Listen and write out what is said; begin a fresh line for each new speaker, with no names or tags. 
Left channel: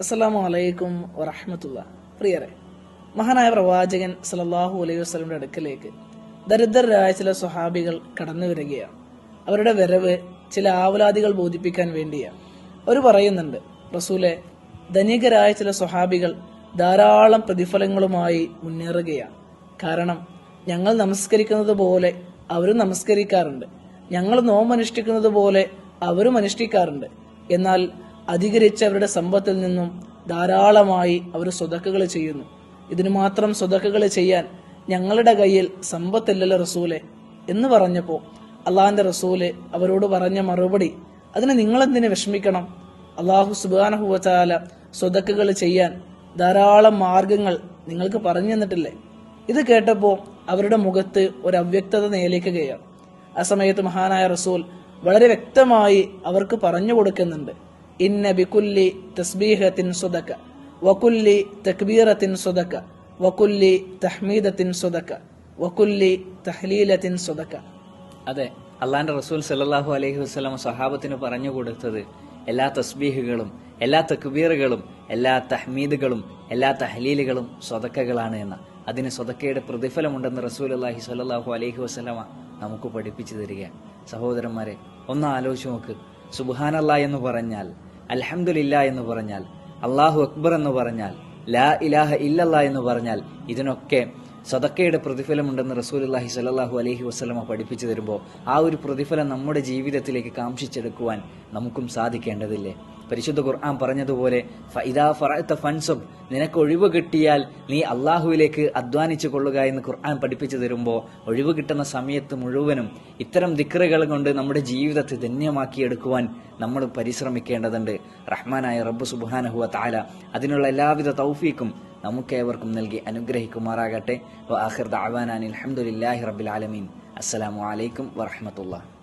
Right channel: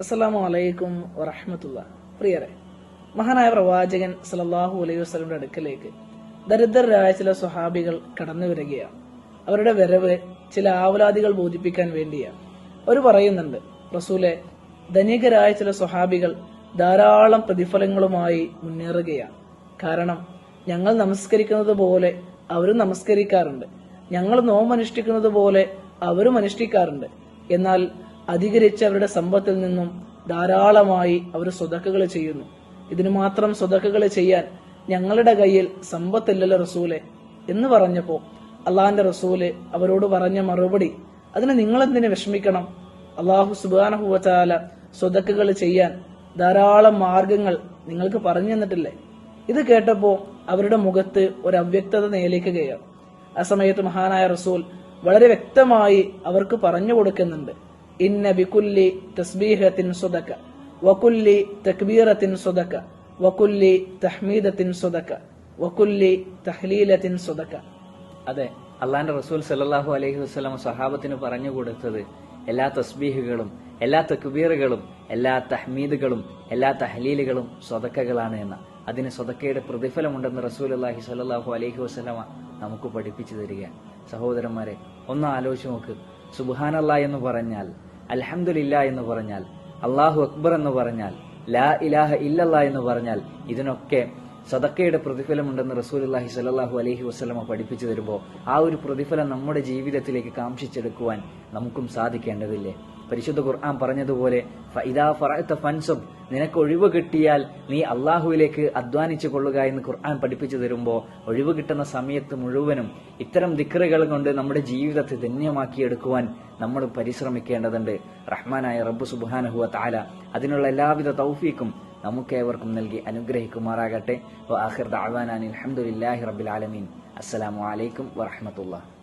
അസ്സലാമു അലൈക്കും വറഹമത്തുള്ള പ്രിയരെ മഹാനായ പ്രവാചകൻ സലല്ലാഹു അലൈഹി വസ്ലമിന്റെ അടുക്കലേക്ക് ദരിദ്രരായ ചില സ്വഹാബികൾ കടന്നു വരികയാണ്. അവരുടെ വരവ് ചില ആവലാദികൾ ബോധിപ്പിക്കാൻ വേണ്ടിയാണ്. അവർ പറയുന്നുണ്ട് റസൂലെ ധനികരായ ചില സ്വഹാബികൾ ധാരാളം പ്രതിഫലങ്ങളുമായി മുന്നേറുകയാണ്. കാരണം ഞങ്ങൾ നമസ്കരിക്കുന്നത് പോലെ അവരും നമസ്കരിക്കാറുണ്ട്. ഞങ്ങൾ നോമനുഷ്ഠിക്കുന്നത് പോലെ അവരും അനുഷ്ഠിക്കാറുണ്ട്. എന്നാൽ അധികരിച്ച അവരുടെ സമ്പത്തിൽ നിന്നും ധാരാളമായി അവർ സ്വതക്കുകൾ ചെയ്യുന്നു. ഇതിനു മാത്രം സ്വതക്കുകൾ ചെയ്യാൻ ഞങ്ങളുടെ കയ്യിൽ സമ്പത്തില്ലല്ലോ റസൂലെ എന്ന് പറഞ്ഞപ്പോൾ അള്ളാഹിന്റെ റസൂൽ അവരോട് പറഞ്ഞ മറുപടി അതിന് നിങ്ങളെന്തിനു വിഷമിക്കണം? അള്ളാഹു സുബാനഹുവാല സ്വതക്കുകൾ ചെയ്യാൻ ധാരാളം മാർഗങ്ങൾ നിങ്ങൾക്ക് പറഞ്ഞു തന്നിട്ടില്ലേ? ഇത് കേട്ടപ്പോൾ അവരുടെ മുഖത്ത് ഒരു അവ്യക്തത നിലയ്ക്കുകയാണ് ആ സമയത്ത് മഹാനായ റസൂൽ വളരെ വ്യക്തമായി അവർക്ക് പറഞ്ഞു കൊടുക്കുന്നുണ്ട്. ഇന്ന ബിക്കുല്ലി തസ്ബീഹത്തിൻ സുദക്ക വകുല്ലി തക്ബീറത്തിൻ സുദക്ക വകുല്ലി തഹ്മീദത്തിൻ സുദക്ക വകുല്ലി തഹ്ലീലത്തിൻ സുദക്ക.
അതെ അള്ളാന്റെ റസൂൽ സല്ലല്ലാഹു അലൈഹി വസ്ലാം സഹാബത്തിന് പറഞ്ഞു കൊടുത്തത് എല്ലാ തസ്ബീഹുകളും എല്ലാ തക്ബീറുകളും എല്ലാ തഹ്മീദുകളും എല്ലാ തഹ്ലീലുകളും സ്വതക്കകളാണ് എന്ന്. അതിന് സ്വതക്കയുടെ പ്രതിഫലമുണ്ടെന്ന് റസൂൽ അള്ളാഹി സല്ലാഹു അലൈഹി വസല്ലം നമുക്ക് പഠിപ്പിച്ചു തരികയാണ്. സഹോദരന്മാരെ ഒന്ന് ആലോചിച്ച് നോക്ക്. സുബാനല്ല എന്ന് പറഞ്ഞാൽ അലഹമില്ല എന്ന് പറഞ്ഞാൽ അള്ളാഹു അക്ബർ എന്ന് പറഞ്ഞാൽ ലാ ഇലാഹ ഇല്ലല്ല എന്ന് പറഞ്ഞാൽ ഇതിനൊക്കെ സദക്കയുടെ പ്രതിഫലമുണ്ടെന്ന് റസൂലുള്ളാഹി സ്വല്ലല്ലാഹു അലഹി വസ്ലമ പഠിപ്പിച്ചു തരുമ്പോൾ ആ ഒരു പ്രതിഫലം നമ്മുടെ ജീവിതത്തിലേക്ക് കാംക്ഷിച്ചെടുക്കുവാൻ നമുക്കും സാധിക്കേണ്ടതില്ലേ? പരിശുദ്ധ ഖുർആൻ പറഞ്ഞതുപോലെ ഫൈദാ ഫറഅത ഫൻസബ് നിനക്ക് ഒഴിവ് കിട്ടിയാൽ നീ അള്ളാഹുവിലേക്ക് അധ്വാനിച്ചു കൊള്ളുക എന്ന് ഖുർആൻ പഠിപ്പിച്ചു തരുമ്പോൾ ഒഴിവ് കിട്ടുന്ന സമയത്ത് മുഴുവനും ഇത്തരം ദിക്റുകൾ കൊണ്ട് നമ്മുടെ ജീവിതത്തെ ധന്യമാക്കിയെടുക്കുവാൻ നമ്മൾ പരിശ്രമിക്കേണ്ടതുണ്ട്. റഹ്മാനായ റബ്ബ് സുബ്ഹാനഹു താല അതിനുള്ള എല്ലാവിധ തൗഫീക്കും നമുക്കേവർക്കും നൽകി അനുഗ്രഹിക്കുമാറാകട്ടെ. വ ആഖിർ ദഅവാനാനി അൽഹംദുലില്ലാഹി റബ്ബിൽ ആലമീൻ. അസ്സലാമു അലൈക്കും വറഹ്മത്തുള്ളാഹി.